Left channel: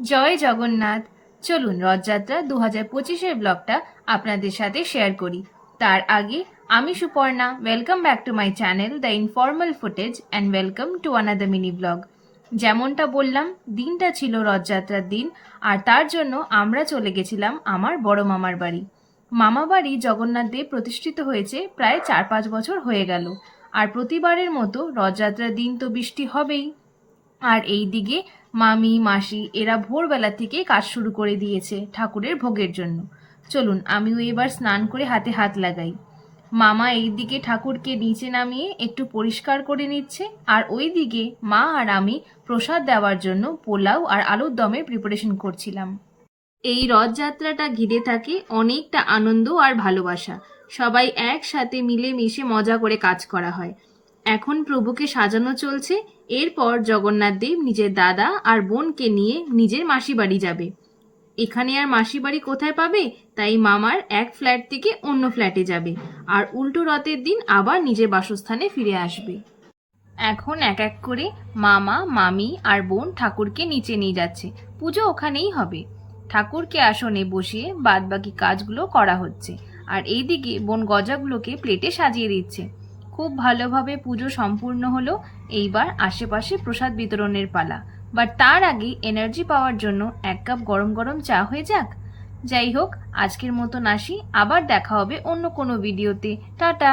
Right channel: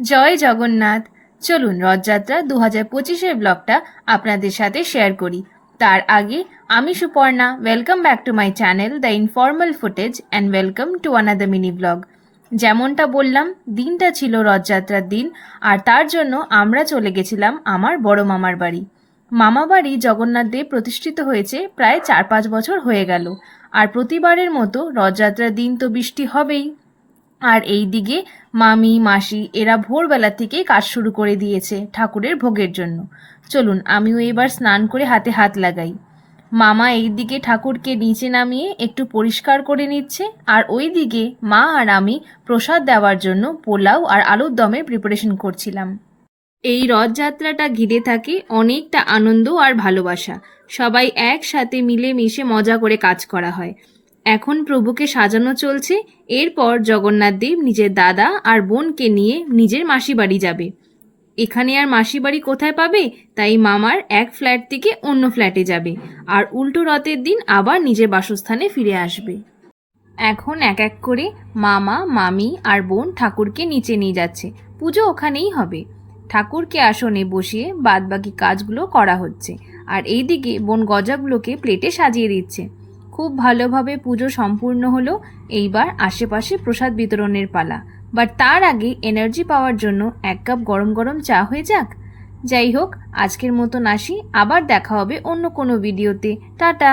জয় জগন্নাথ। চলুন রথযাত্রা 2025-এর ব্লগটা আপনাদের সাথে শেয়ার করি। তার আগে আমি Suparna, welcome back to my channel the informal footage and welcome to another mini blog. যেমনটা বললাম, দিনটা ছিল রথযাত্রার দিন, আর তার জন্য আমরা চলে গেছিলাম আমার বড় মামার বাড়ি। মামা বাড়ি জগন্নাথ দেব প্রতিষ্ঠিত হয়েছে প্রায় 4-5 বছর হয়ে গেল, আর প্রতিবারের মতো রথযাত্রার দিন তো বৃষ্টি হবেই। আর এই দিকে মামি মাসি এরা ভোরবেলা থেকেই কাজ শুরু করে দিয়েছে ঠাকুরের ভোগের জন্য। চলুন আমিও এবার স্নান করে হাতে হাত লাগাই। মামা এই দিকে ঠাকুরকে নিচে নামিয়ে একটু পরিষ্কার করে নিচ্ছে, আর ওই দিকে মা আর আমি প্রসাদ দেওয়ার জন্য পোলাও আর আলুর দমের প্রিপারেশন করছিলাম। এই রথযাত্রাটা ঘিরে থাকে অনেকটা আনন্দ আর ভালোবাসা। সবাই একসাথে মিলেমিশে মজা করে কাজ করা হয়। এখন প্রভুকে সাজানো চলছে। এরপর জগন্নাথ দেব নিজের দাদা আর বোনকে নিয়ে নিজের মাসি বাড়ি যাবে। এখানে আর মাসি বাড়ি কোথায় পাবে, তাই মামার এক ফ্ল্যাট থেকে অন্য ফ্ল্যাটে যাবে, আর উল্টো রথের দিন আবার নিজের বাসস্থানে ফিরে আসবে। এখন এক এক করে মামা মামি আর বোন ঠাকুরকে নিচে নিয়ে যাচ্ছে। পুজো ওখানেই হবে। ঠাকুরকে আসনে বসিয়ে বাদবাকি কাজগুলো করা হচ্ছে, আর এইদিকে বোন গজাগুলোকে প্লেটে সাজিয়ে দিচ্ছে। খুব ভালোভাবে পুজো সম্পূর্ণ হলো। এইবার আশেপাশে প্রসাদ বিতরণের পালা। বাট তার আগে এনার্জি পাওয়ার জন্য 1 কাপ গরম গরম চা হয়ে যাক। যাই হোক, আজকের মতন আসি, আবার দেখা হবে অন্য কোনো ভিডিওতে। টাটা।